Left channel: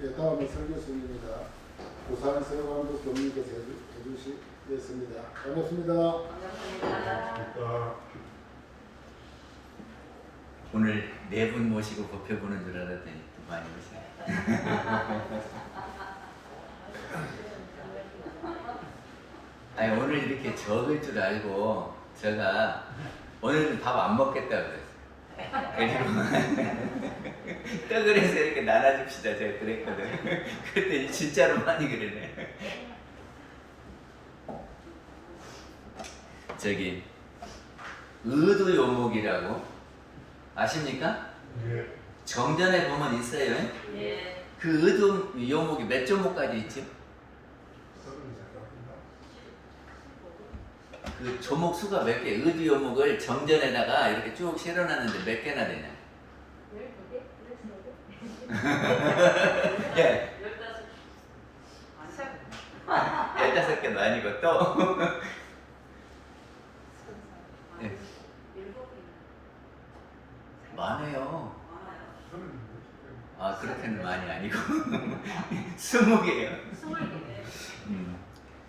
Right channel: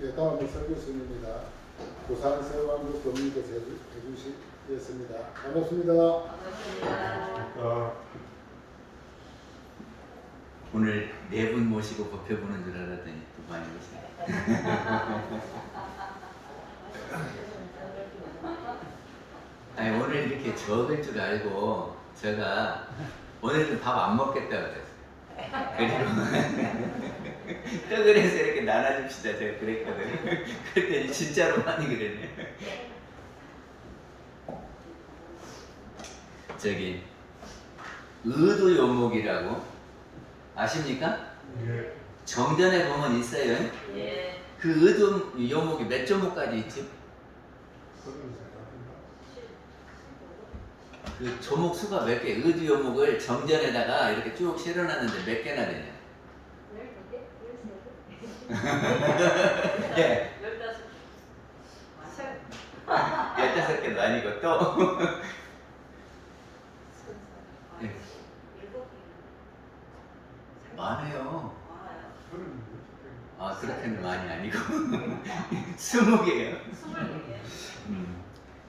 예, 다음은 설교수입니다. 부산 서강북 교민께서 해주시겠습니다. 반갑습니다. 오늘 네 분 모시고 법회 보는 줄 알았더니 또 많이 오시네. 아니, 오늘 이렇게 적을 줄 알고 제가 오늘은 밥 안 먹겠다 그랬어요. 그리고 떡을 해서 이렇게 나눠줍시다 제가 그랬거든. 그랬더니 진짜로 많이 그러네. 저기 의도요목이라고 아십니까? 예. 정전에 보면 있어요. 예. 그 의도 요목이 몇 조목까지 있지? 그 조목 수가 몇 개? 의도 요목을 정전에다가 이렇게 쭉 실어놨는데 몇 개나 되냐? 12개? 예. 15개. 15개도 아니고 또 네. 7개. 많아요. 많아요. 아 그렇게는 많이 아니고 20개요. 20개.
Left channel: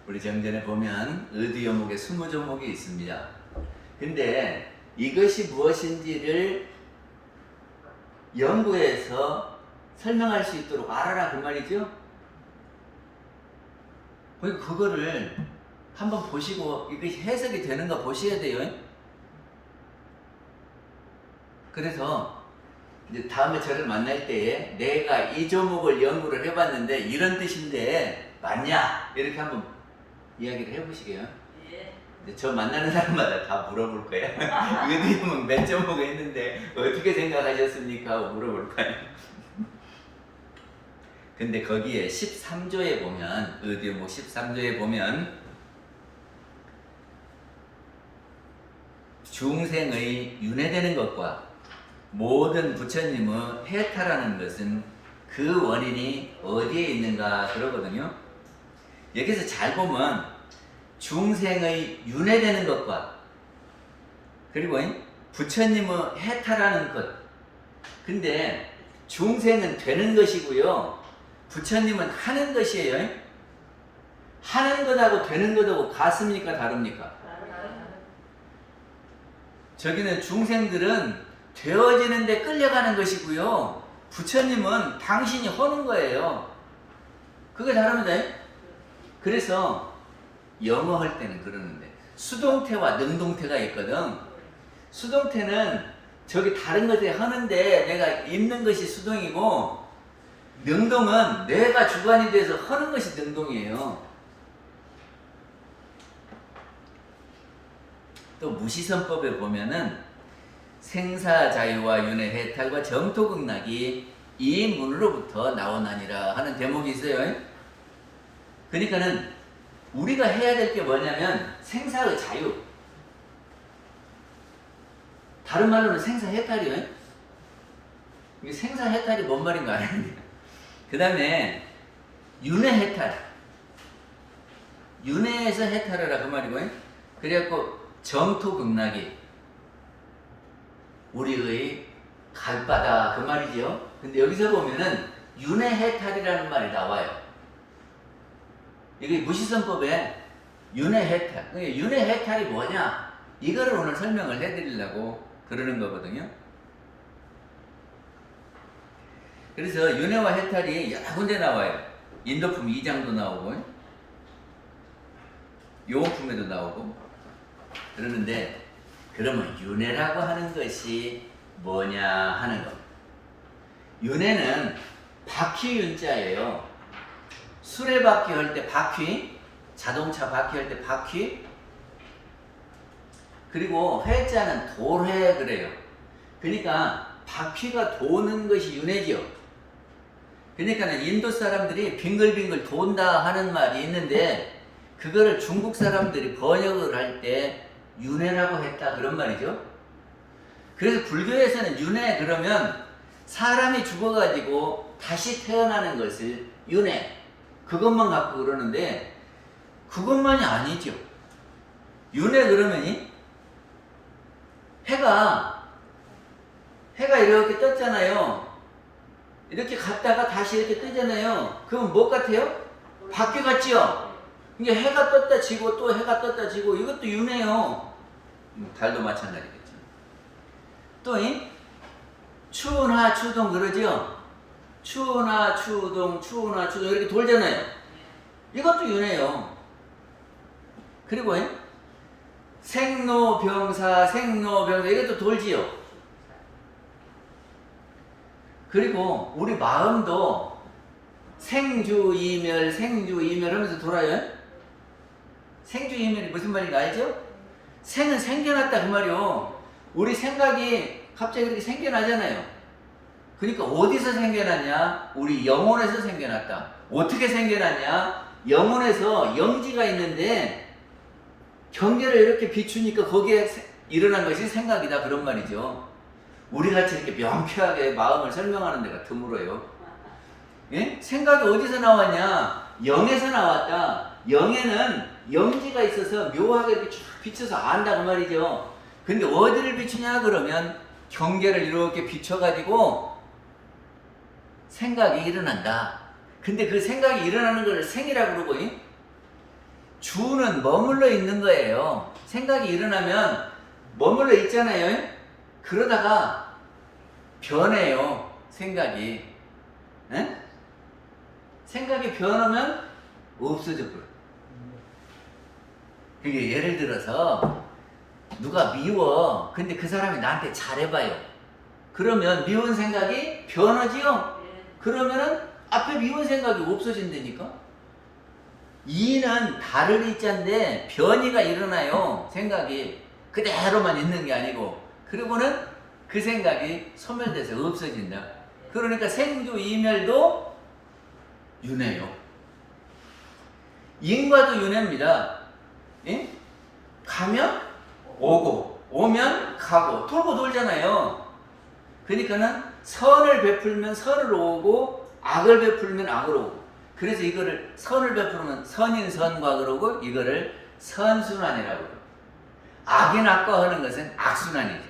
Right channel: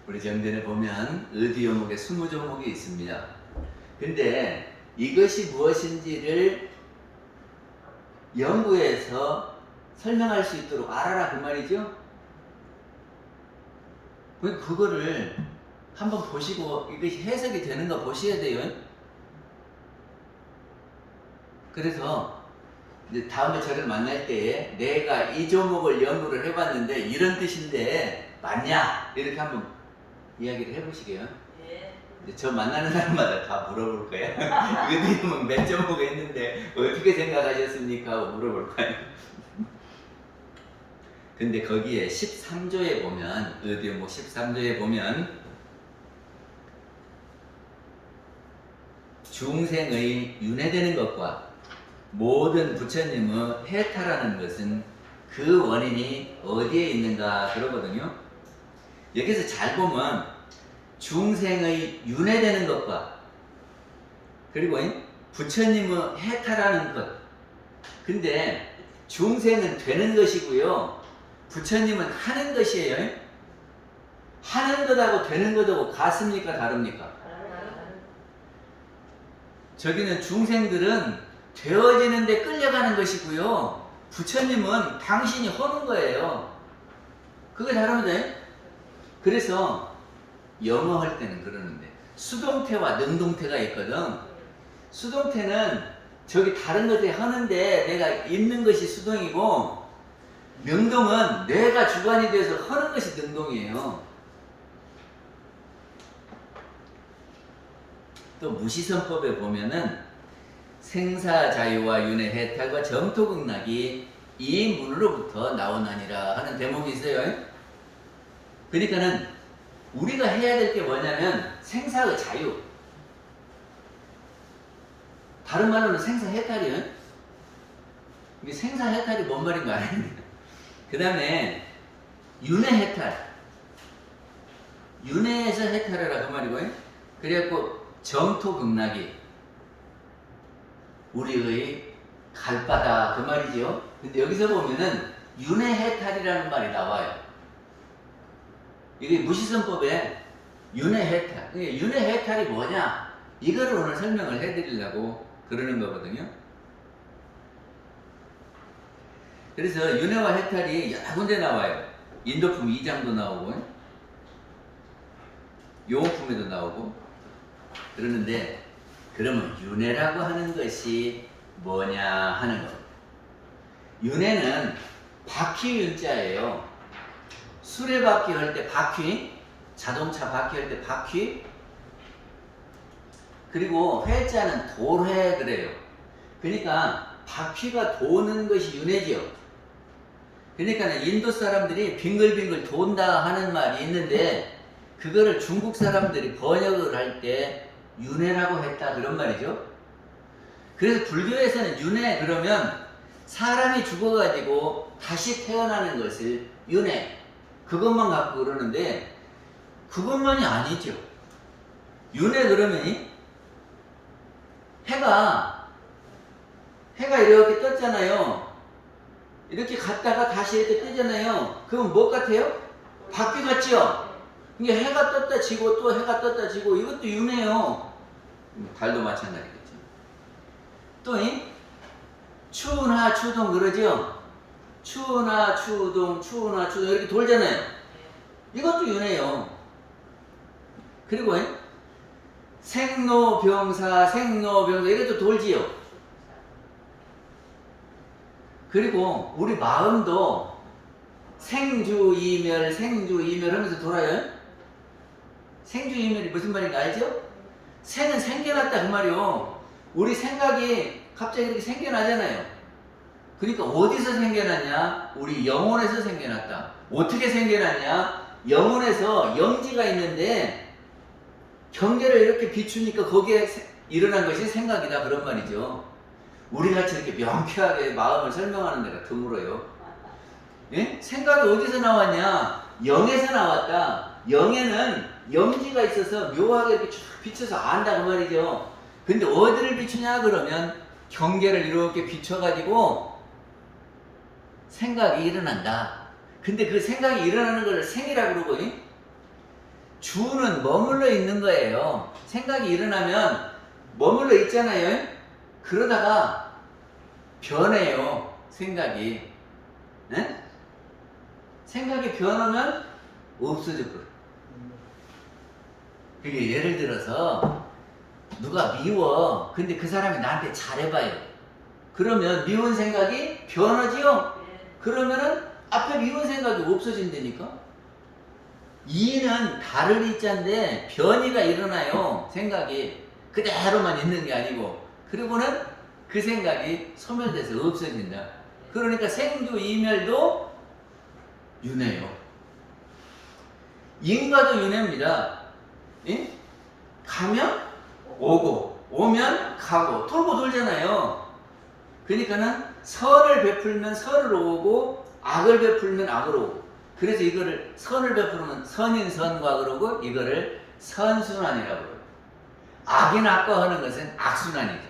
우리 정전에 보면 의도 요목에 20조목이 있습니다. 근데 이것이 무엇인지를 연구해서 설명할 수 있도록 알아라 그 말이죠. 그거를 한번 보시고 이것이 해석이 되는가 보셔야 돼요. 그래서 이제 다음에 저를 만날 때에 내가 이 조목을 연구를 해봤는데 이런 뜻인데 맞냐? 이렇게 한번 이야기를 해보시게요. 예. 근데 저 만나는 사람마다 다 물어볼 거야. 이거 뭐 몇 조목 했는데 어떻게 생각하셨습니까? 하고 물어볼 거야. 근데 거기에 13조에 보면 의도요목 13조에 보면 중생의 윤회되는 것과 모든 부처님의 해탈하는 것은 그 원인이 어디에 있는가 그러거든요. 여기서 잘 보면 중생의 윤회되는 것과 그리고 부처님의 해탈하는 것. 근데 중생은 되는 것이고요. 부처님은 하는 것이에요. 하는 것하고 되는 것하고 같습니까? 다릅니까? 저기는 중생들은 되어지는데 끌려가는 것이고요. 부처님은 당신이 하는 거예요. 그게 다릅니다. 그래서 영어 할 때는 그러는데 수동태와 능동태가 있거든. 수동태는 저기 다른 것에 하는데 내가 있는 것이 수동이고 능동은 내가 주관이 돼서 하는 것이 능동이에요. 또 무시선법에 보면은 생사자유와 윤회 해탈과 정토극락이 이 문으로부터 나오나니라 하는 대목이 있어요. 그러니까는 우리가 해야 될 게 뭐냐면 생사의 자유. 다른 말로는 생사해탈이에요. 이게 생사해탈이 뭔 말인가 아는데. 그 다음에 윤회해탈. 윤회에서 해탈하라 그 말이고요. 그래갖고 정토극락이 우리의 갈바다 그 말이죠. 근데 여기서 보면은 윤회해탈이라는 말이 나와요. 이게 무시선법에 윤회해탈. 윤회해탈이 뭐냐? 이거를 오늘 설명을 해드리려고 그러는 거거든요. 그래서 윤회와 해탈이 여러 군데 나와요. 인도품 2장도 나오고 요원품에도 나오고 그러는데 그러면 윤회라고 하는 것이 뭐냐 하는 거. 윤회는 바퀴윤자예요. 수레바퀴 할 때 바퀴, 자동차 바퀴 할 때 바퀴, 그리고 회자는 돌회 그래요. 그러니까 바퀴가 도는 것이 윤회지요. 그러니까 인도 사람들이 빙글빙글 돈다 하는 말이 있는데 그거를 중국 사람들이 번역을 할 때 윤회라고 했다 그런 말이죠. 그래서 불교에서는 윤회 그러면 사람이 죽어가지고 다시 태어나는 것을 윤회 그것만 갖고 그러는데 그것만이 아니죠. 윤회 그러면 해가 이렇게 떴잖아요. 이렇게 갔다가 다시 이렇게 뜨잖아요. 그러면 뭐 같아요? 바퀴 같지요? 이게 해가 떴다 지고 또 해가 떴다 지고 이것도 윤회요. 달도 마찬가지겠죠. 또 추운하 추동 그러죠? 추운하 추동 추운하 추동 이렇게 돌잖아요. 이것도 윤회요. 그리고 생로병사 생로병사 이것도 돌지요. 그리고 우리 마음도 생주이멸 생주이멸 하면서 돌아요. 생주이멸이 무슨 말인가 알죠? 생은 생겨났다 그 말이요. 우리 생각이 갑자기 이렇게 생겨나잖아요. 그러니까 어디서 생겨났냐? 우리 영혼에서 생겨났다. 어떻게 생겨났냐? 영혼에서 영지가 있는데 경계를 이렇게 비추니까 거기에 일어난 것이 생각이다 그런 말이죠. 우리같이 이렇게 명쾌하게 마음을 설명하는 데가 드물어요. 예? 생각이 어디서 나왔냐? 영에서 나왔다. 영에는 영지가 있어서 묘하게 이렇게 쭉 비춰서 안다 그 말이죠. 근데 어디를 비추냐 그러면 경계를 이렇게 비춰가지고 생각이 일어난다. 근데 그 생각이 일어나는 걸 생이라고 그러고 주는 머물러 있는 거예요. 생각이 일어나면 머물러 있잖아요. 그러다가 변해요. 생각이. 에? 생각이 변하면 없어져 버려. 그러니까 예를 들어서 누가 미워. 근데 그 사람이 나한테 잘해봐요. 그러면 미운 생각이 변하지요? 그러면은 앞에 미운 생각이 없어진다니까? 이는 다를 이자인데 변이가 일어나요. 생각이 그대로만 있는 게 아니고. 그리고는 그 생각이 소멸돼서 없어진다. 그러니까 생주 이멸도 윤회요. 인과도 윤회입니다. 예? 가면 오고 오면 가고 돌고 돌잖아요. 그러니까는 선을 베풀면 선을 오고 악을 베풀면 악으로 오고. 그래서 이거를 선을 베풀면 선인 선과 그러고 이거를 선순환이라고 그래요. 악인 악과 하는 것은 악순환이죠.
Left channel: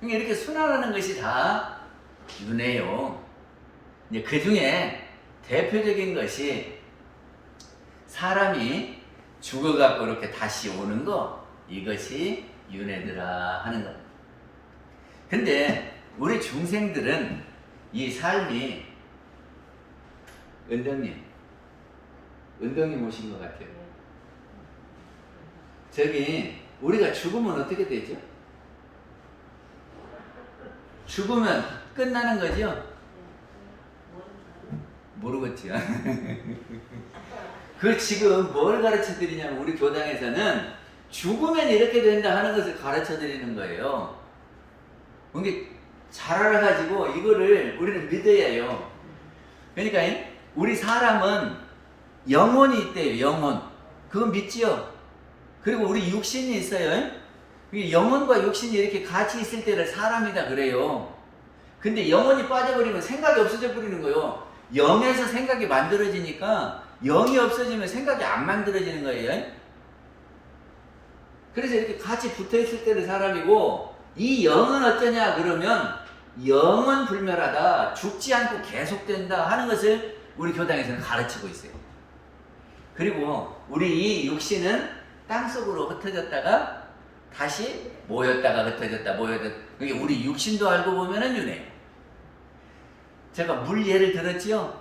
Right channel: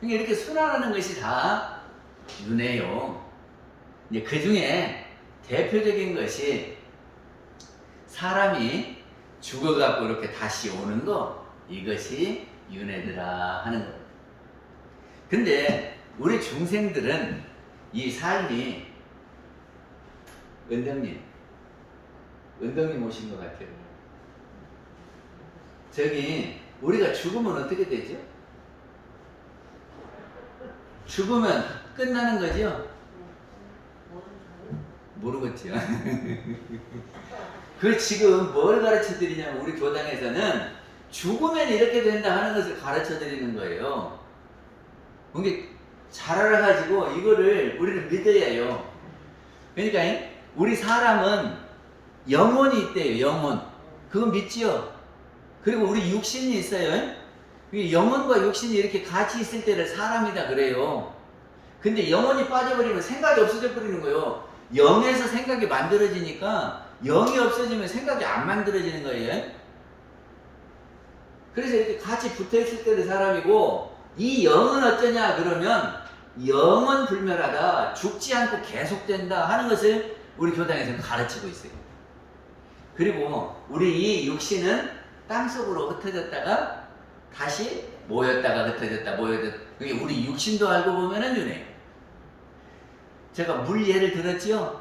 그러니까 이렇게 순환하는 것이 다 윤회요. 이제 그 중에 대표적인 것이 사람이 죽어갖고 이렇게 다시 오는 거, 이것이 윤회더라 하는 것. 근데 우리 중생들은 이 삶이 은덕님 오신 것 같아요. 저기 우리가 죽으면 어떻게 되죠? 죽으면 끝나는 거죠? 모르겠죠. 그 지금 뭘 가르쳐 드리냐면 우리 교당에서는 죽으면 이렇게 된다 하는 것을 가르쳐 드리는 거예요. 그게 잘 알아가지고 이거를 우리는 믿어야 해요. 그러니까 우리 사람은 영혼이 있대요. 영혼. 그건 믿지요. 그리고 우리 육신이 있어요. 영혼과 육신이 이렇게 같이 있을 때를 사람이다 그래요. 근데 영혼이 빠져버리면 생각이 없어져 버리는 거예요. 영에서 생각이 만들어지니까 영이 없어지면 생각이 안 만들어지는 거예요. 그래서 이렇게 같이 붙어 있을 때를 사람이고, 이 영은 어쩌냐 그러면 영은 불멸하다, 죽지 않고 계속된다 하는 것을 우리 교당에서는 가르치고 있어요. 그리고 우리 이 육신은 땅속으로 흩어졌다가 다시 모였다가 흩어졌다 그게 우리 육신도 알고 보면은 윤회예요. 제가 물 예를 들었지요.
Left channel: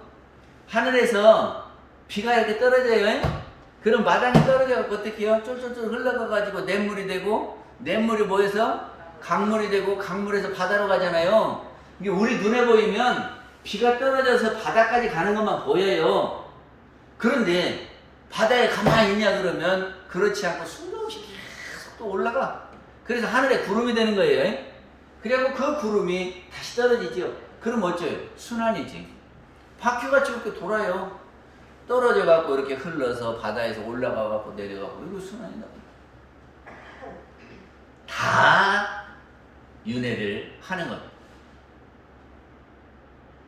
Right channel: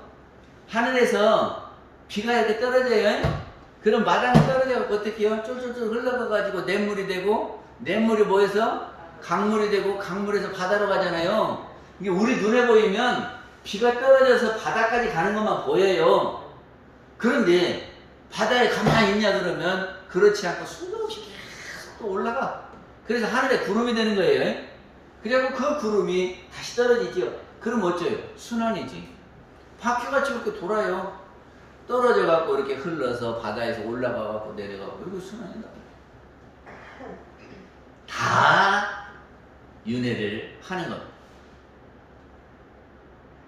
하늘에서 비가 이렇게 떨어져요. 그럼 마당에 떨어져갖고 어떻게 해요? 쫄쫄쫄 흘러가가지고 냇물이 되고, 냇물이 모여서 강물이 되고, 강물에서 바다로 가잖아요. 이게 우리 눈에 보이면 비가 떨어져서 바다까지 가는 것만 보여요. 그런데 바다에 가만히 있냐 그러면 그렇지 않고 수도 없이 계속 또 올라가. 그래서 하늘에 구름이 되는 거예요. 그리고 그 구름이 다시 떨어지죠. 그럼 어쩌요? 순환이지. 바퀴같이 이렇게 돌아요. 떨어져 갖고 이렇게 흘러서 바다에서 올라가 갖고 내려가 갖고 이거 순환이다. 다 윤회를 하는 거예요.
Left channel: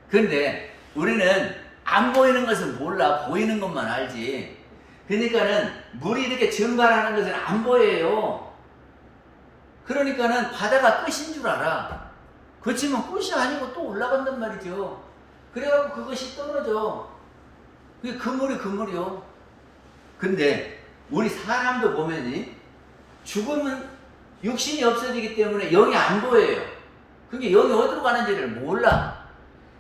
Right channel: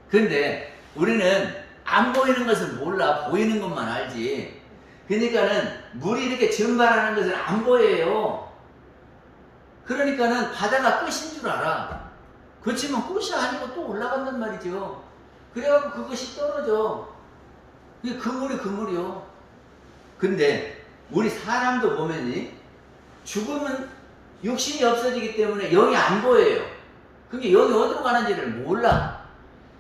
그런데 우리는 안 보이는 것을 몰라. 보이는 것만 알지. 그러니까는 물이 이렇게 증발하는 것을 안 보여요. 그러니까는 바다가 끝인 줄 알아. 그렇지만 끝이 아니고 또 올라간단 말이죠. 그래갖고 그것이 떨어져. 그게 그물이 그물이요. 근데 우리 사람도 보면이 죽으면 육신이 없어지기 때문에 영이 안 보여요. 그게 영이 어디로 가는지를 몰라.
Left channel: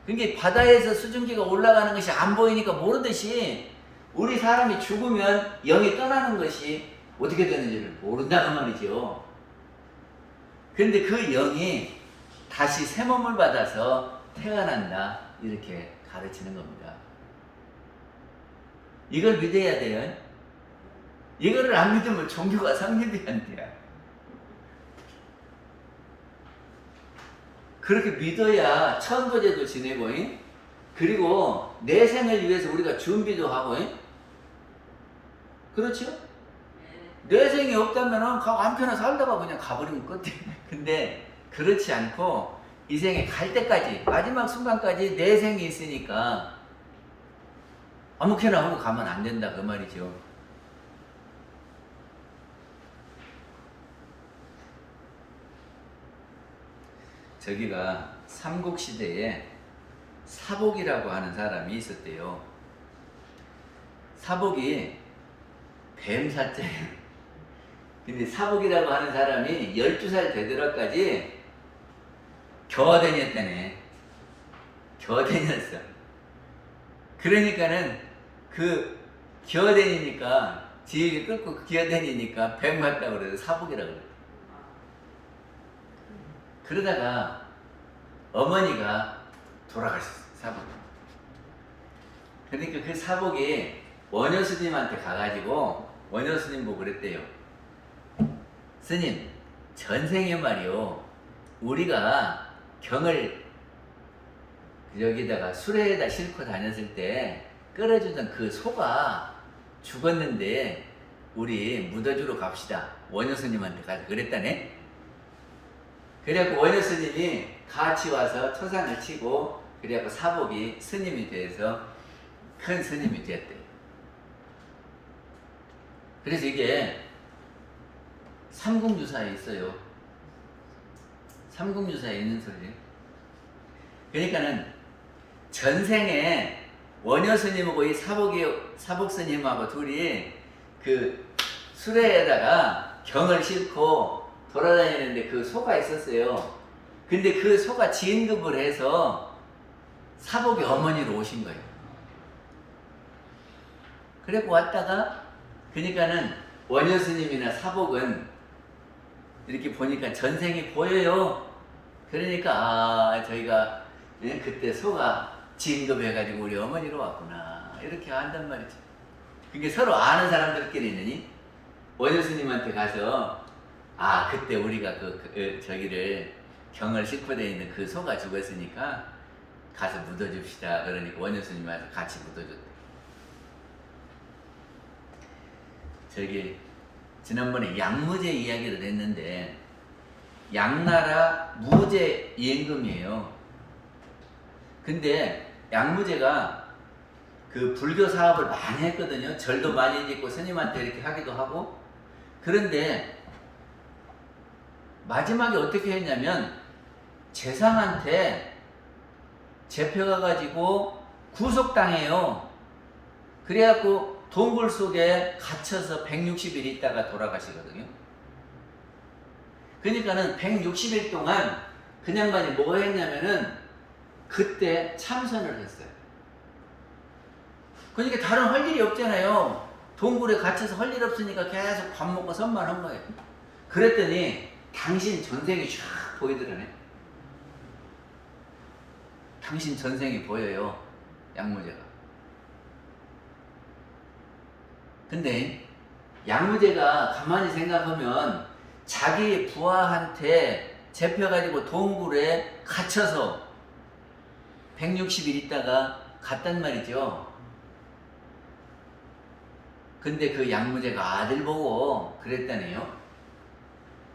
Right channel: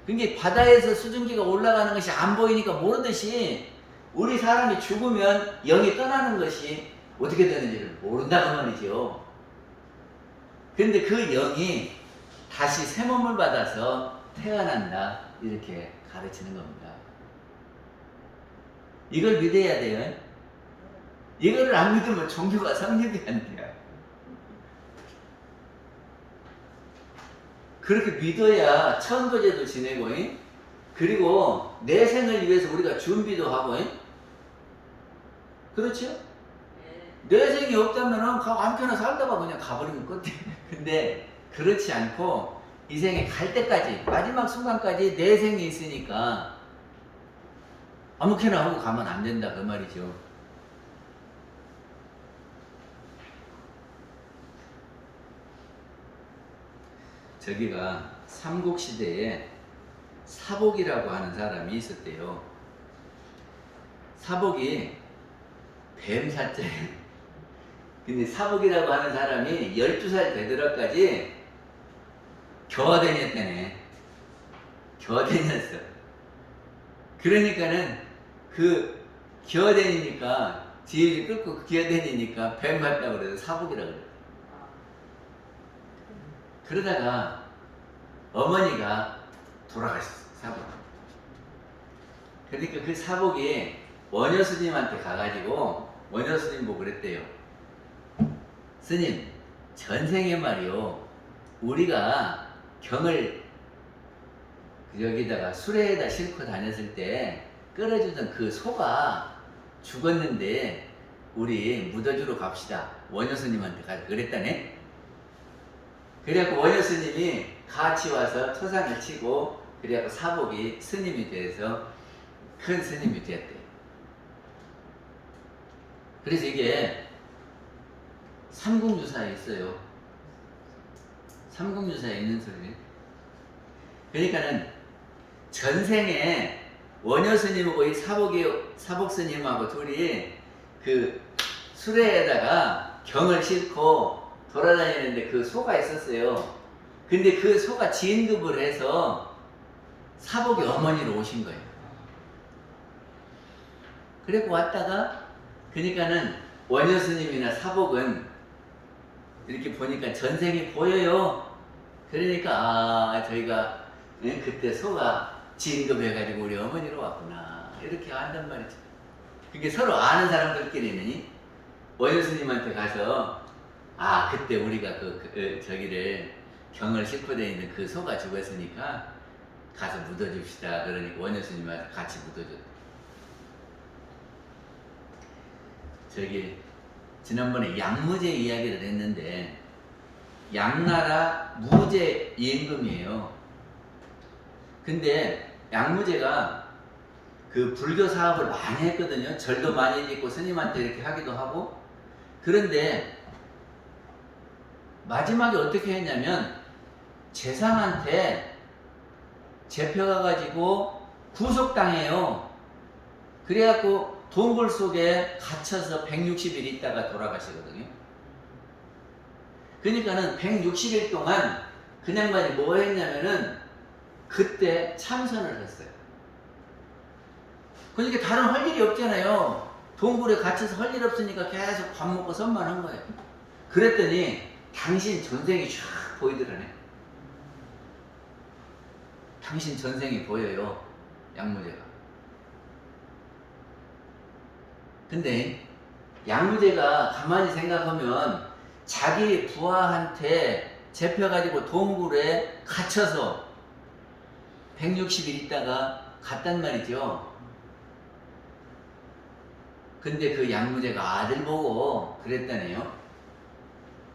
그게 바다에서 수증기가 올라가는 것이 안 보이니까 모르듯이 우리 사람이 죽으면 영이 떠나는 것이 어떻게 되는지를 모른다고 말이죠. 근데 그 영이 다시 새 몸을 받아서 태어난다. 이렇게 가르치는 겁니다. 이걸 믿어야 돼요. 이거를 안 믿으면 종교가 성립이 안 돼요. 그렇게 믿어야 천도제도 지내고, 그리고 내 생을 위해서 우리가 준비도 하고, 그렇죠? 내 생이 없다면 아무 편나 살다가 그냥 가버리면 끝이에요. 근데 그렇지 않고 이 생에 갈 때까지, 마지막 순간까지 내 생이 있으니까 아무렇게나 하고 가면 안 된다 그 말이죠. 저기가 삼국시대에 사복이라고 하는 사람이 있었대요. 사복이 뱀사자예요. 근데 사복이라고 하는 사람이 12살 되도록까지 겨다녔다네. 겨다녔어. 그러니까는 그 겨다니니까 지혜를 끊고 겨다니니까 뱀 같다고 그래서 사복이라고 그래요. 그러다가 어머니가 돌아가셨어요. 사복. 그러니까 그 사복이 원효 스님한테 가가지고 원효 스님 보고 그랬대요. 스님, 전생에 말이요, 우리가 경을 여기다가 수레에다 싣고 다녔을 때 끌어주던 그 소가 죽었는데 우리 묻어주러 갑시다. 원효 스님한테 가서 그랬다네. 그래갖고 원효 스님이 같이 와서 초상을 치고, 그래갖고 사복이 스님이 돼서 큰 스님이 되었대. 그래서 이게 삼국유사에 있어요. 삼국유사에 있는 소리예요. 그러니까는 전생에 원효 스님하고 이 사복 스님하고 둘이 그 수레에다가 경을 싣고 돌아다니는데 그 소가 있었어요. 근데 그 소가 진급을 해서 사복이 어머니로 오신 거예요. 그래고 왔다가, 그러니까는 원효 스님이나 사복은 이렇게 보니까 전생이 보여요. 그러니까 저희가 그때 소가 진급해가지고 우리 어머니로 왔구나, 이렇게 안단 말이죠. 그게 서로 아는 사람들끼리는 원효 스님한테 가서 그때 우리가 저기를 경을 싣고 다니는 그 소가 죽었으니까 가서 묻어줍시다. 그러니까 원효 스님이 와서 같이 묻어줬대. 저기 지난번에 양무제 이야기를 했는데, 양나라 무제 임금이에요. 근데 양무제가 그 불교 사업을 많이 했거든요. 절도 많이 짓고 스님한테 이렇게 하기도 하고. 그런데 마지막에 어떻게 했냐면 재상한테 잡혀가가지고 구속당해요. 그래갖고 동굴 속에 갇혀서 160일 있다가 돌아가시거든요. 그러니까는 160일 동안 그 양반이 뭐 했냐면은 그때 참선을 했어요. 그러니까 다른 할 일이 없잖아요. 동굴에 갇혀서 할 일 없으니까 계속 밥 먹고 선만 한 거예요. 그랬더니 당신 전생이 쫙 보이더라네. 당신 전생이 보여요, 양무제가. 근데 양무제가 가만히 생각하면 자기 부하한테 잡혀가지고 동굴에 갇혀서 160일 있다가 갔단 말이죠. 근데 그 양무제가 아들 보고 그랬다네요.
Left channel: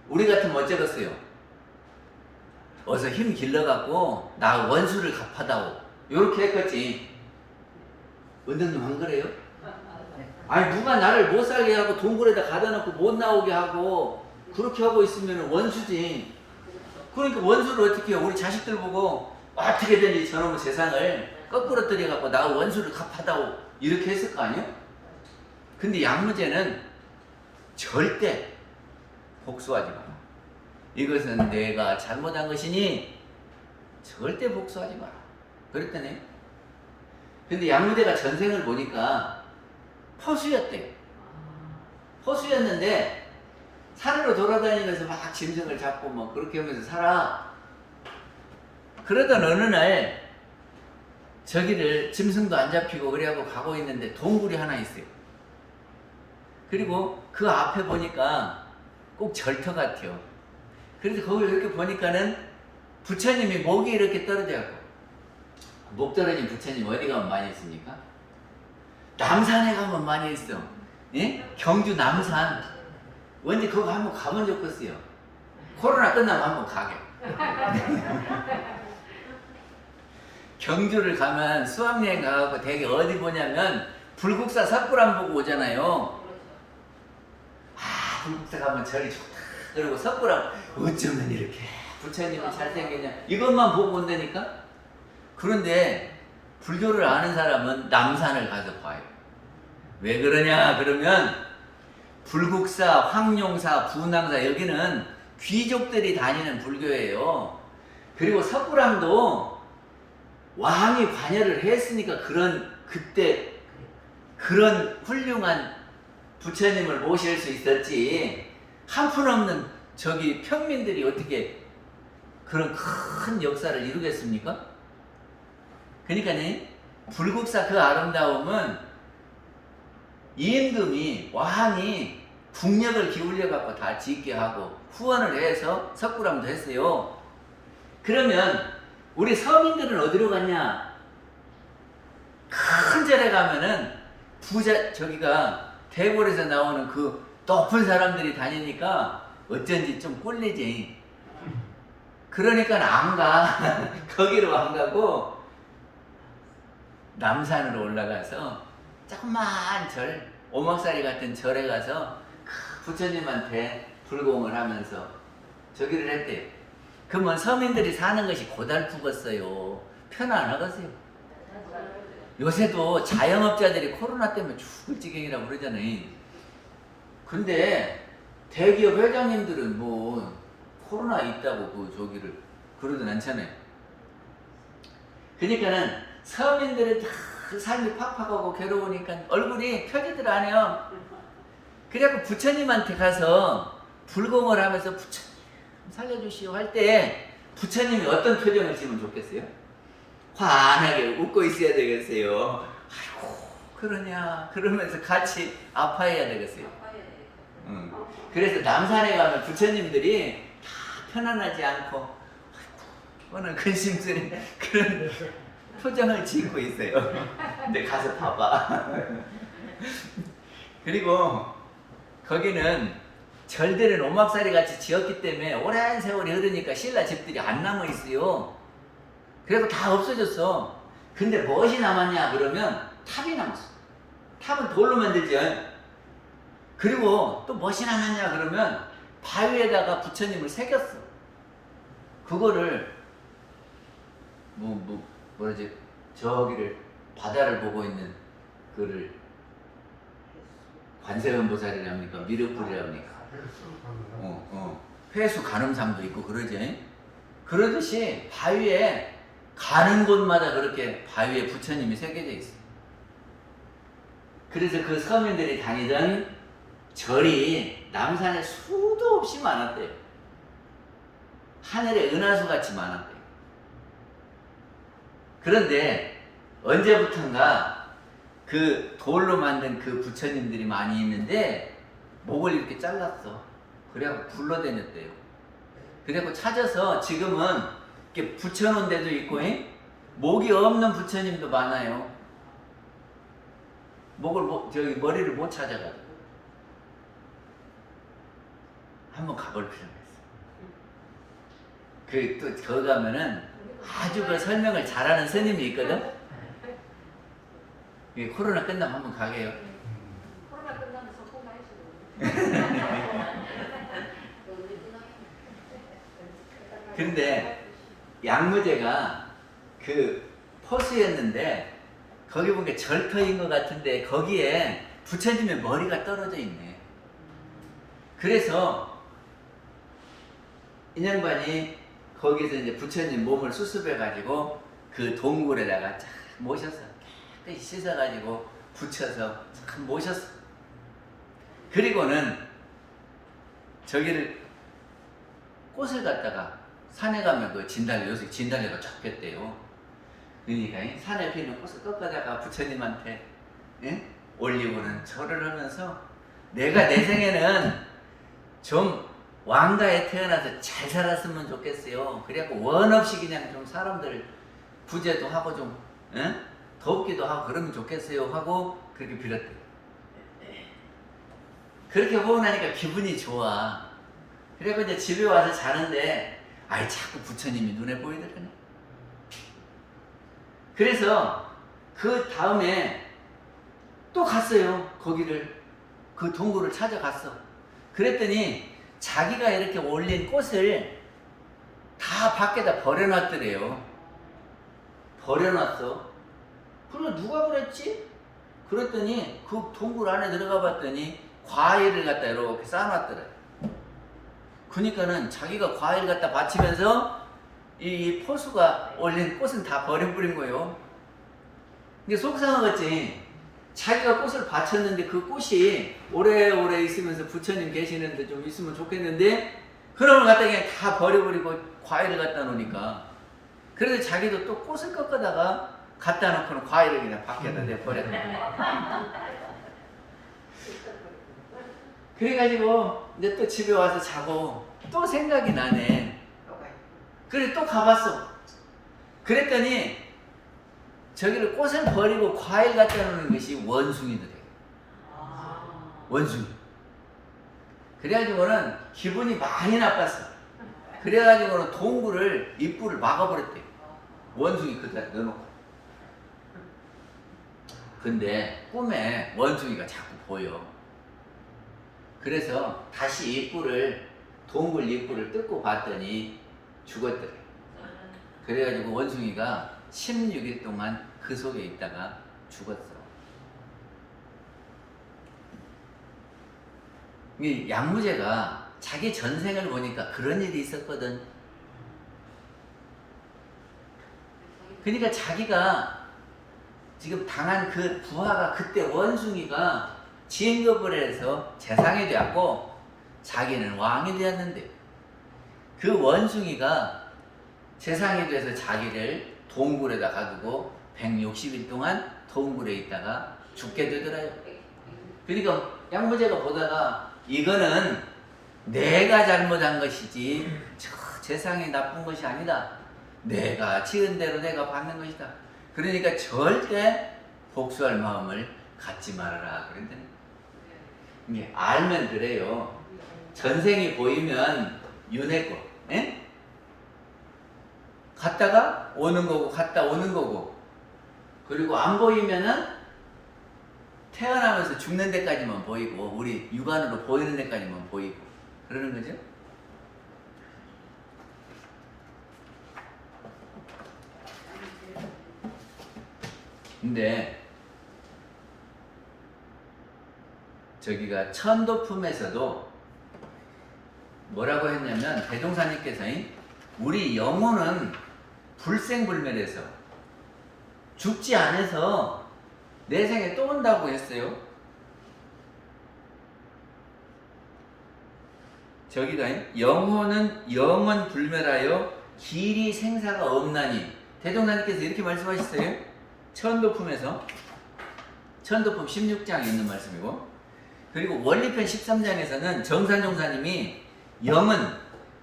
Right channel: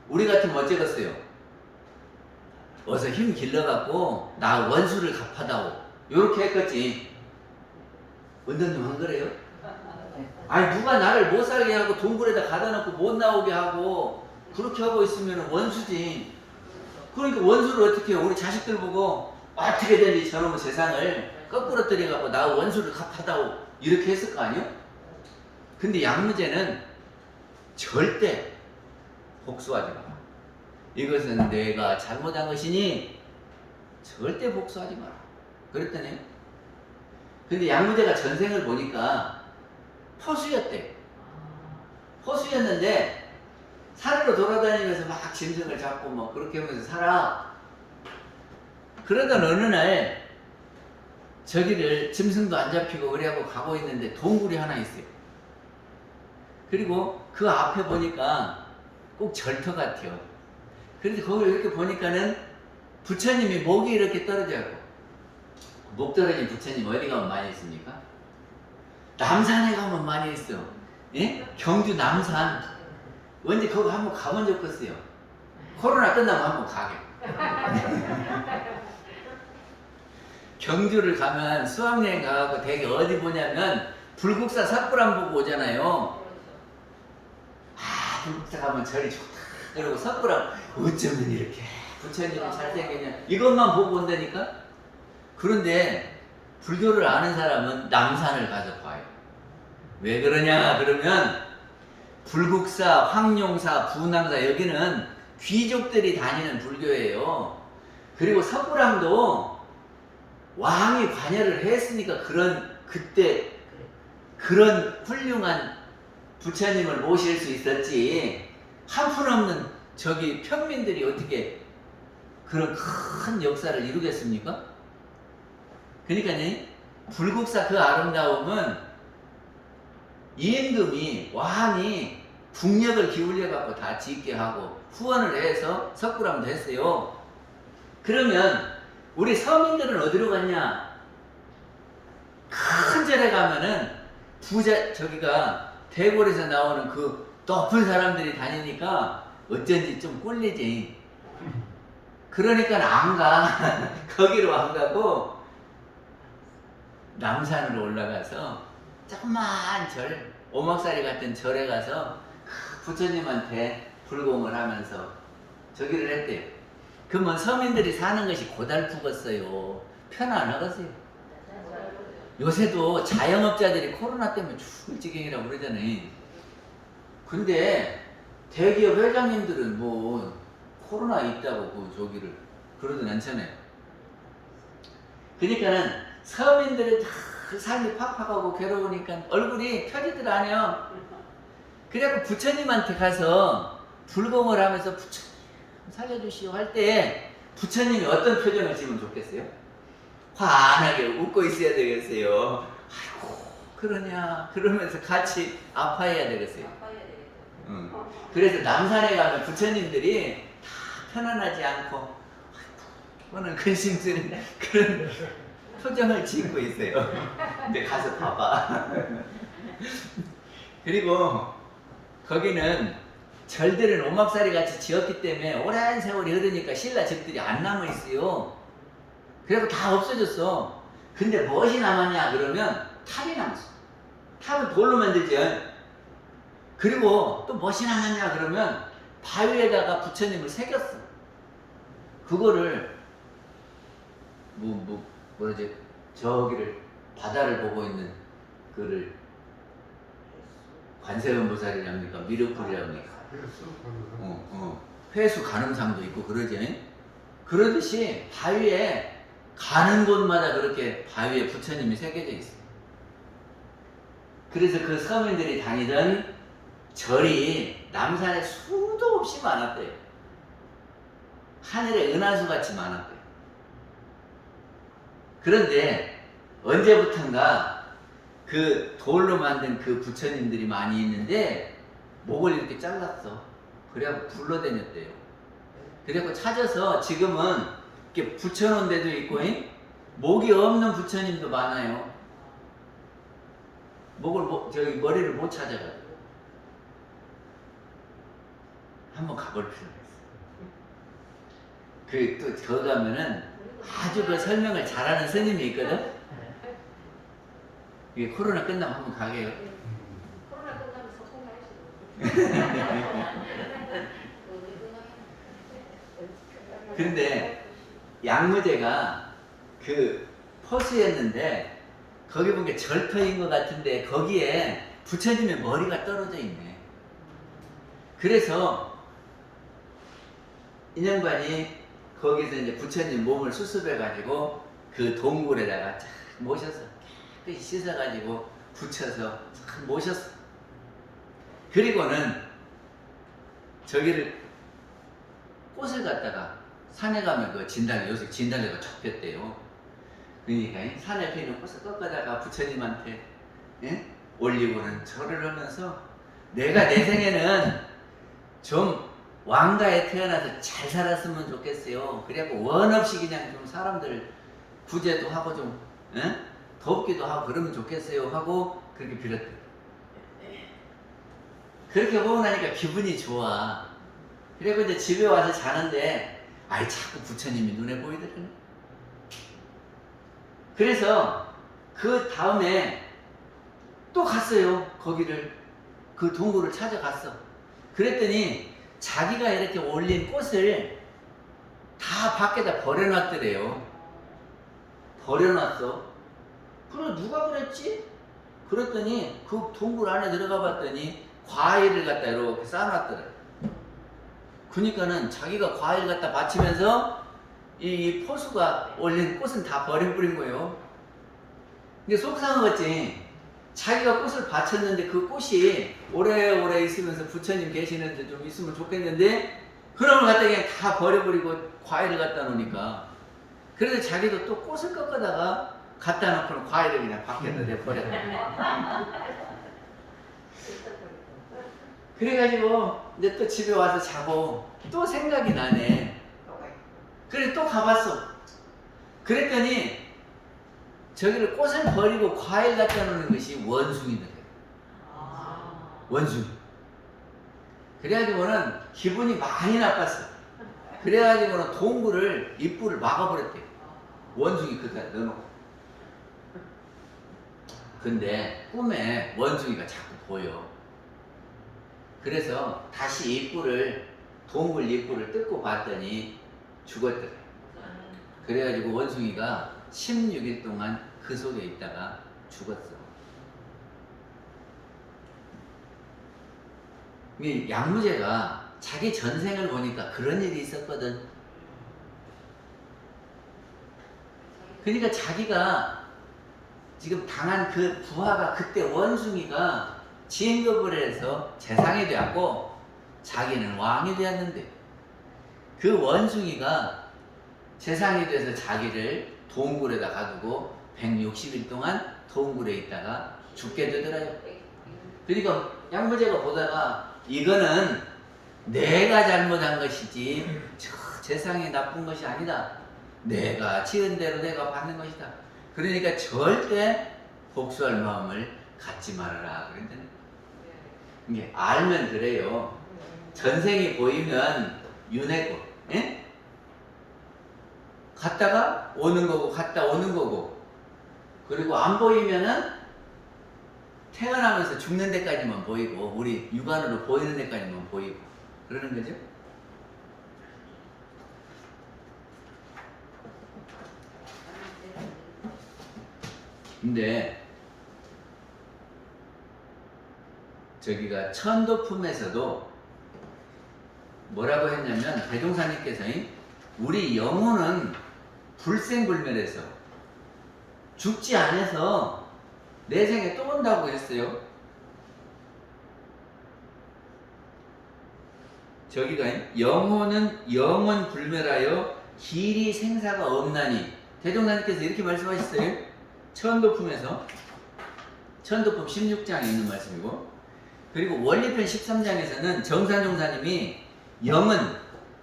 우리 같으면 어쩌겠어요? 어서 힘 길러갖고 나 원수를 갚아다오, 요렇게 했겠지. 은덕님 안 그래요? 아니 누가 나를 못 살게 하고 동굴에다 가둬놓고 못 나오게 하고 그렇게 하고 있으면 원수지. 그러니까 원수를 어떻게 해요? 우리 자식들 보고 어떻게든지 저놈의 세상을 거꾸로 들여갖고 나 원수를 갚아다오 이렇게 했을 거 아니에요? 근데 양무제는 절대 복수하지 마라. 이것은 내가 잘못한 것이니 절대 복수하지 마라. 그랬더니 근데 양무제가 전생을 보니까 포수였대요. 포수였는데 산으로 돌아다니면서 막 짐승을 잡고 막 그렇게 하면서 살아. 그러던 어느 날 저기를 짐승도 안 잡히고 그래하고 가고 있는데 동굴이 하나 있어요. 그리고 그 앞에 보니까 꼭 절터 같아요. 그래서 거기 이렇게 보니까는 부처님이 목이 이렇게 떨어져 있고, 목 떨어진 부처님 어디 가면 많이 있습니까? 남산에 가면 많이 있어. 예? 경주 남산. 언제 거기 한번 가본 적 없어요. 코로나 끝나면 한번 가게. 경주를 가면 수학여행 가고 되게 어디 보냐면 불국사 삿불암 보고 오잖아요. 아, 불국사 가면 절이 좋다. 그리고 삿불암 어쩌면 이렇게 부처님이 잘생겼냐 이것만 보고 온다니까. 그런데 불교를 아는 사람은 남산을 가서 봐요. 왜 그러냐 그러면 불국사, 황룡사, 부남사 여기는 귀족들이 다니는 불교예요. 그리고 섣불암도 왕이 관여를 했으니까 그때 그런 훌륭한 부처님을 모실 수 있었지. 한푼없는 저기 평민들이 어떻게 그런 큰 역사를 이루겠습니까? 그러니까 불국사 그 아름다움은 임금이 왕이 국력을 기울여 갖고 다 짓게 하고 후원을 해서 섣불암도 했어요. 그러면 우리 서민들은 어디로 갔냐? 큰 절에 가면은 부자 저기가 대궐에서 나오는 그 높은 사람들이 다니니까 어쩐지 좀 꼴리지. 그러니까 안 가. 거기로 안 가고 남산으로 올라가서 조그만 절, 오목살이 같은 절에 가서 부처님한테 불공을 하면서 저기를 했대요. 그러면 서민들이 사는 것이 고달프겠어요. 편안하겠어요. 요새도 자영업자들이 코로나 때문에 죽을 지경이라고 그러잖아요. 근데 대기업 회장님들은 뭐 코로나 있다고 그 저기를 그러진 않잖아요. 그러니까는 서민들은 다 삶이 팍팍하고 괴로우니까 얼굴이 펴지들 않아요. 그래갖고 부처님한테 가서 불공을 하면서 부처님 살려주시오 할 때 부처님이 어떤 표정을 지으면 좋겠어요? 환하게 웃고 있어야 되겠어요. 아이고 그러냐 그러면서 같이 아파해야 되겠어요. 그래서 남산에 가면 부처님들이 다 편안하지 않고 오늘 근심스러운 그런 표정을 짓고 있어요. 근데 가서 봐봐. 그리고 거기는 절들은 오막살이 같이 지었기 때문에 오랜 세월이 흐르니까 신라 집들이 안 남아 있어요. 그래서 다 없어졌어. 근데 무엇이 남았냐 그러면 탑이 남았어. 탑은 돌로 만들지. 그리고 또 무엇이 남았냐 그러면 바위에다가 부처님을 새겼어. 그거를 뭐지 저기를 바다를 보고 있는 그를 관세음보살이랍니까 미륵불이랍니까 회수 간음상도 있고 그러지. 그러듯이 바위에 가는 곳마다 그렇게 바위에 부처님이 새겨져 있어요. 그래서 그 서민들이 다니던 절이 남산에 수도 없이 많았대요. 하늘에 은하수 같이 많았대요. 그런데 언제부턴가 그 돌로 만든 그 부처님들이 많이 있는데 목을 이렇게 잘랐어. 그래갖고 불러다녔대요. 그래갖고 찾아서 지금은 이렇게 붙여놓은 데도 있고 목이 없는 부처님도 많아요. 머리를 못 찾아가지고 한번 가볼 필요가 있어. 또 거기 가면은 아주 그 설명을 잘하는 스님이 있거든. 이게 코로나 끝나면 한번 가게요. 코로나 끝나면 소통해야지. 근데 양무제가 그 퍼스였는데 거기 보니까 절터인 것 같은데 거기에 부처님의 머리가 떨어져 있네. 그래서 인형반이 거기서 이제 부처님 몸을 수습해가지고 그 동굴에다가 쫙 모셔서 씻어가지고 붙여서 쫙 모셨어. 그리고는 저기를 꽃을 갖다가 산에 가면 그 진달래, 요새 진달래가 쫙 폈대요. 그러니까 산에 피는 꽃을 꺾어다가 부처님한테 올리고는 절을 하면서 내가 내 생에는 좀 왕가에 태어나서 잘 살았으면 좋겠어요. 그래갖고 원 없이 그냥 좀 사람들 구제도 하고 좀 돕기도 하고 그러면 좋겠어요 하고 그렇게 빌었대요. 그렇게 하고 나니까 기분이 좋아. 그리고 이제 집에 와서 자는데 아이 자꾸 부처님이 눈에 보이더라네. 그래서 그 다음에 또 갔어요. 거기를 그 동굴을 찾아갔어. 그랬더니 자기가 이렇게 올린 꽃을 다 밖에다 버려놨더래요. 버려놨어. 그래 누가 그랬지? 그랬더니 그 동굴 안에 들어가 봤더니 과일을 갖다 이렇게 쌓아놨더래. 그러니까는 자기가 과일 갖다 바치면서 이 포수가 올린 꽃은 다 버려버린 거예요. 이게 속상하겠지. 자기가 꽃을 바쳤는데 그 꽃이 오래오래 있으면서 부처님 계시는데 좀 있으면 좋겠는데 그런 걸 갖다 그냥 다 버려버리고 과일을 갖다 놓으니까 그래서 자기도 또 꽃을 꺾어다가 갖다 놓고는 과일을 그냥 밖에다 내버렸다. 그래가지고 이제 또 집에 와서 자고 또 생각이 나네. 그래 또 가봤어. 그랬더니 저기를 꽃을 버리고 과일 갖다 놓는 것이 원숭이더래. 원숭이. 그래가지고는 기분이 많이 나빴어. 그래가지고는 동굴을 입구를 막아버렸대. 원숭이 그대로 넣어놓고. 근데 꿈에 원숭이가 자꾸 보여. 그래서 다시 입구를 동굴 입구를 뜯고 봤더니 죽었더래. 그래가지고 원숭이가 16일 동안 그 속에 있다가 죽었어. 이 양무제가 자기 전생을 보니까 그런 일이 있었거든. 그러니까 자기가 지금 당한 그 부하가 그때 원숭이가 진급을 해서 재상이 되었고 자기는 왕이 되었는데 그 원숭이가 재상이 돼서 자기를 동굴에다 가두고 160일 동안 동굴에 있다가 죽게 되더라요. 그러니까 양무제가 보다가 이거는 내가 잘못한 것이지 저 재상이 나쁜 것이 아니다. 내가 지은 대로 내가 받는 것이다. 그러니까 절대 복수할 마음을 갖지 말아라 그랬더니 이게 알면 그래요. 전생이 보이면 윤회고 갔다가 오는 거고 갔다 오는 거고 그리고 안 보이면은 태어나면서 죽는 데까지만 보이고 우리 육안으로 보이는 데까지만 보이고 그러는 거죠. 근데 저기가 천도품에서도 뭐라고 했냐면 대종사님께서 우리 영혼은 불생불멸해서 죽지 않아서 내 생에 또 온다고 했어요. 저기가 영혼은 영원 불멸하여 길이 생사가 없나니 대종사님께서 이렇게 말씀하셨어요. 천도품에서 천도품 16장에 있는 말씀이고 그리고 원리편 13장에서는 정산종사님이 영은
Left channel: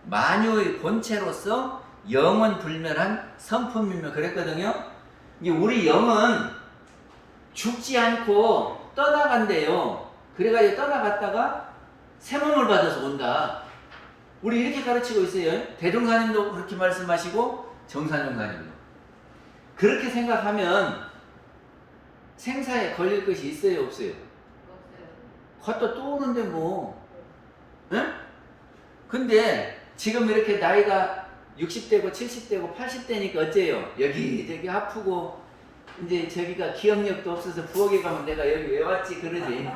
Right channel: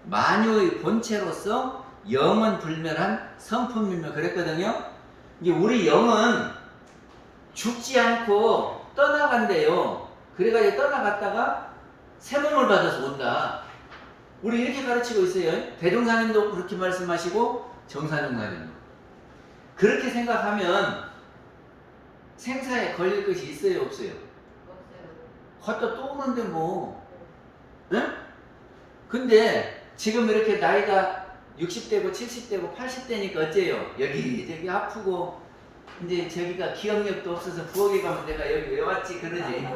만유의 본체로서 영원 불멸한 성품이며 그랬거든요. 이제 우리 영은 죽지 않고 떠나간대요. 그래가지고 떠나갔다가 새 몸을 받아서 온다. 우리 이렇게 가르치고 있어요. 대종사님도 그렇게 말씀하시고 정산종사님도. 그렇게 생각하면 생사에 걸릴 것이 있어요, 없어요? 걷다 또 오는데 뭐, 응? 근데 지금 이렇게 나이가 60대고 70대고 80대니까 어째요? 여기 아프고 이제 저기가 기억력도 없어서 부엌에 가면 내가 여기 왜 왔지 그러지.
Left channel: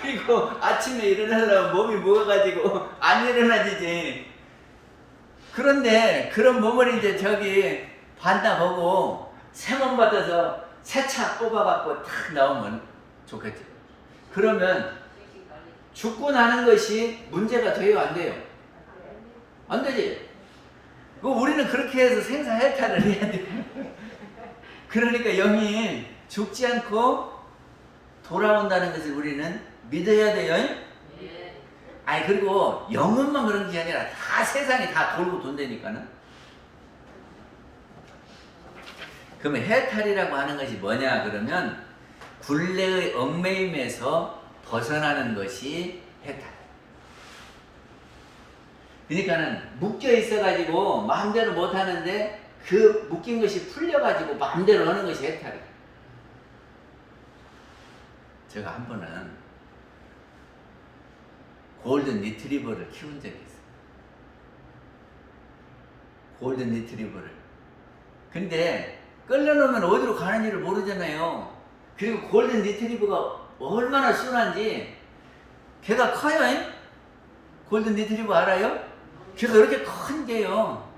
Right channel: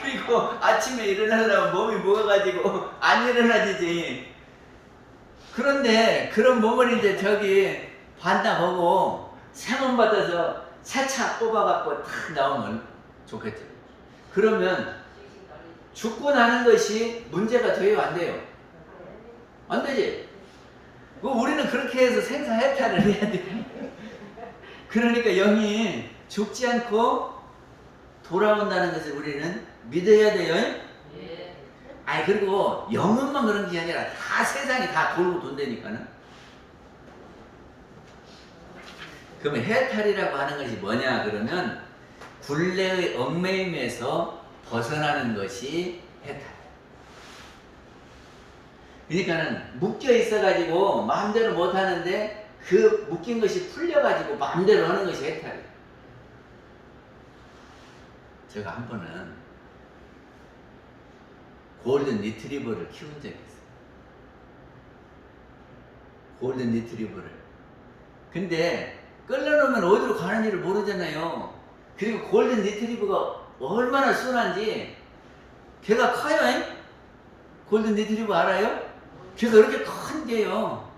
그리고 아침에 일어나려면 몸이 무거워가지고 안 일어나지지. 그런데 그런 몸을 이제 저기 반다 보고 세번 받아서 세차 뽑아갖고 탁 나오면 좋겠죠. 그러면 죽고 나는 것이 문제가 돼요, 안 돼요? 안 되지. 우리는 그렇게 해서 생사해탈을 해야 돼. 그러니까 영이 죽지 않고 돌아온다는 것을 우리는 믿어야 돼요. 아니 그리고 영혼만 그런 게 아니라 다 세상이 다 돌고 돈다니까는. 그러면 해탈이라고 하는 것이 뭐냐 그러면 굴레의 얽매임에서 벗어나는 것이 해탈. 그러니까는 묶여 있어가지고 마음대로 못하는데 그 묶인 것이 풀려가지고 마음대로 하는 것이 해탈이에요. 제가 한 번은 골든 리트리버를 키운 적이 있어요. 골든 리트리버를. 근데 끌려놓으면 어디로 가는지를 모르잖아요. 그리고 골든 리트리버가 얼마나 순한지. 걔가 커요. 골든 리트리버 알아요? 걔가 이렇게 큰데요.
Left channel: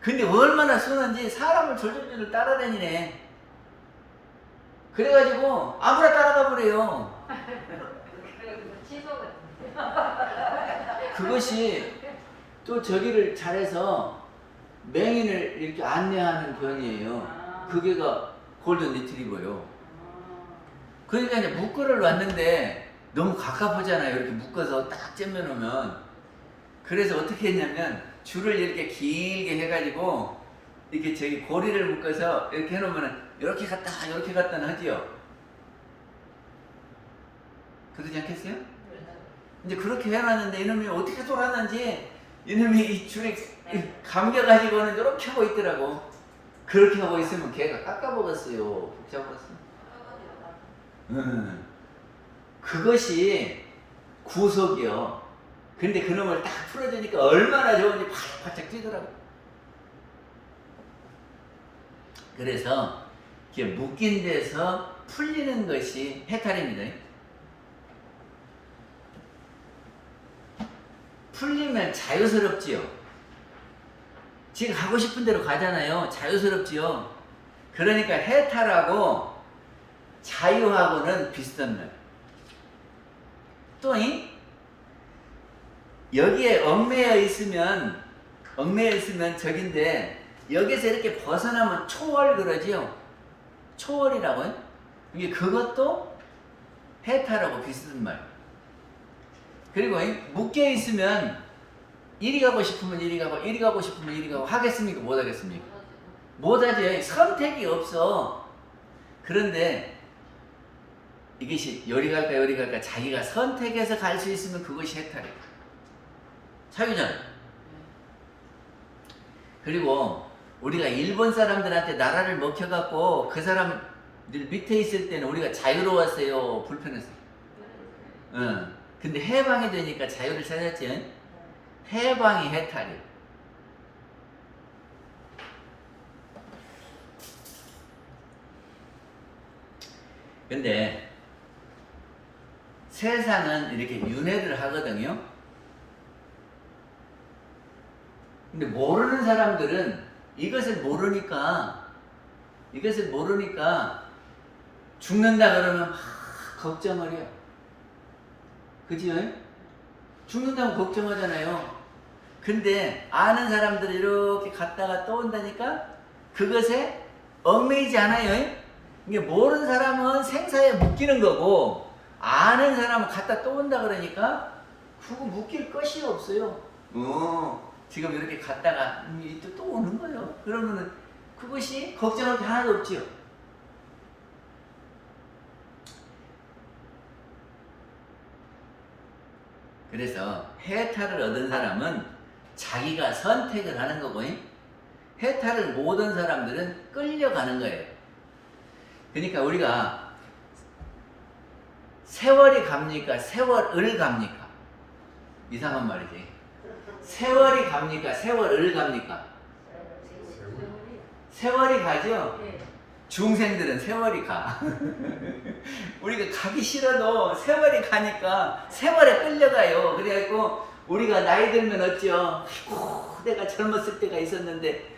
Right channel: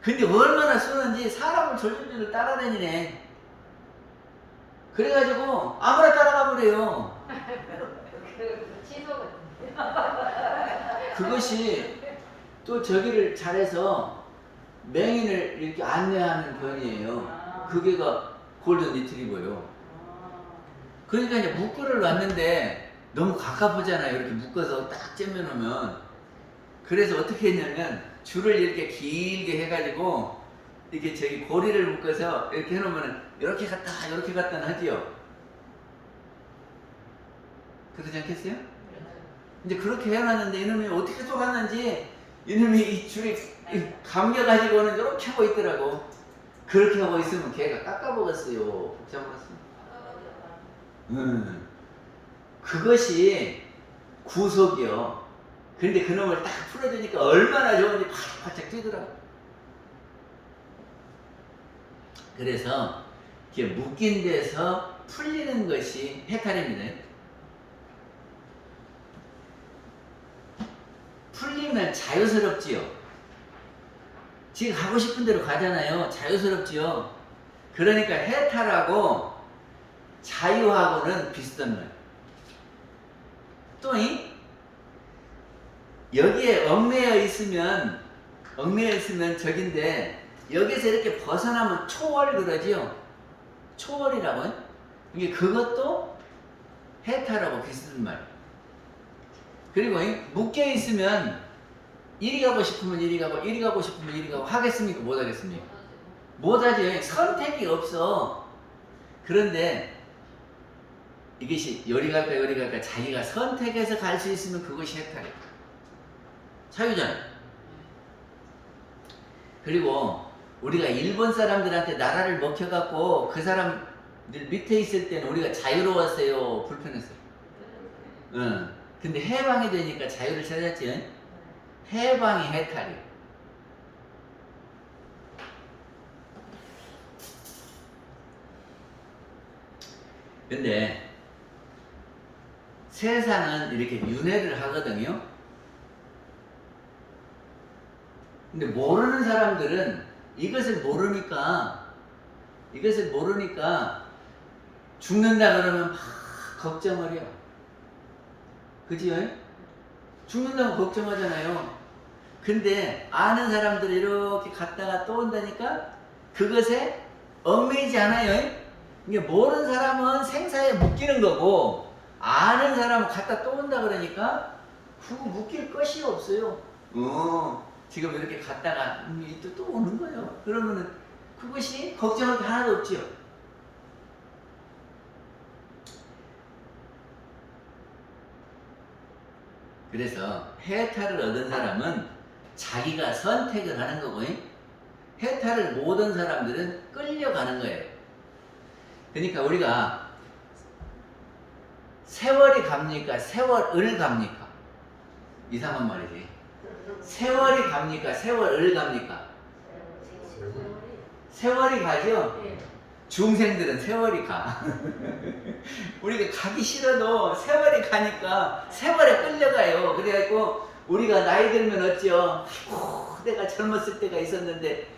근데 얼마나 순한지 사람을 졸졸졸 따라다니네. 그래가지고 아무나 따라가 버려요. 그것이 또 저기를 잘해서 맹인을 이렇게 안내하는 고양이에요. 그게가 골든 리트리버요. 그러니까 이제 묶어를 놨는데 너무 가깝잖아요. 이렇게 묶어서 딱 잼겨놓으면. 그래서 어떻게 했냐면 줄을 이렇게 길게 해가지고 이렇게 저기 고리를 묶어서 이렇게 해놓으면 이렇게 갔다 이렇게 갔다 하지요. 그러지 않겠어요? 이제 그렇게 해놨는데 이놈이 어떻게 돌았는지 이놈이 이 줄이 감겨가지고는 이렇게 하고 있더라고. 그렇게 하고 있으면 걔가 깎아먹었어요. 복잡했습니다. 그것이 구속이요. 근데 그놈을 딱 풀어주니까 얼마나 좋은지 바짝 뛰더라고. 그래서 이렇게 묶인 데서 풀리는 것이 해탈입니다. 풀리면 자유스럽지요. 지금 가고 싶은 대로 가잖아요. 자유스럽지요. 그러니까 해탈하고 자유하고는 비슷한 말. 또 여기에 얽매여 있으면 저긴데 여기서 이렇게 벗어나면 초월 그러지요. 초월이라고요. 이게 그것도 해탈하고 비슷한 말. 그리고 묶여 있으면 이리 가고 싶으면 이리 가고 이리 가고 싶으면 이리 가고 하겠습니까? 못 하겠습니까? 못 하죠. 선택이 없어. 그런데 이것이 요리 갈까 자기가 선택해서 갈 수 있으면 그것이 해탈이에요. 자유잖아요. 그리고 우리가 일본 사람들한테 나라를 먹혀갖고 그 사람들 밑에 있을 때는 우리가 자유로웠어요? 불편했어요? 근데 해방이 되니까 자유를 찾았지. 해방이 해탈이에요. 근데 세상은 이렇게 윤회를 하거든요. 근데 모르는 사람들은 이것을 모르니까 죽는다 그러면 막 걱정을 해요. 그지요? 죽는다고 걱정하잖아요. 근데 아는 사람들이 이렇게 갔다가 또 온다니까 그것에 얽매이지 않아요. 이게 모르는 사람은 생사에 묶이는 거고 아는 사람은 갔다 또 온다 그러니까 그거 묶일 것이 없어요. 지금 이렇게 갔다가 또 오는 거예요. 그러면은 그것이 걱정할 게 하나도 없지요. 그래서 해탈을 얻은 사람은 자기가 선택을 하는 거고 해탈을 못 얻은 사람들은 끌려가는 거예요. 그러니까 우리가 세월이 갑니까? 세월을 갑니까? 이상한 말이지. 세월이 갑니까? 세월을 갑니까? 세월이 가죠? 중생들은 세월이 가. 우리가 가기 싫어도 세월이 가니까 세월에 끌려가요. 그래갖고 우리가 나이 들면 어찌요? 아이고, 내가 젊었을 때가 있었는데,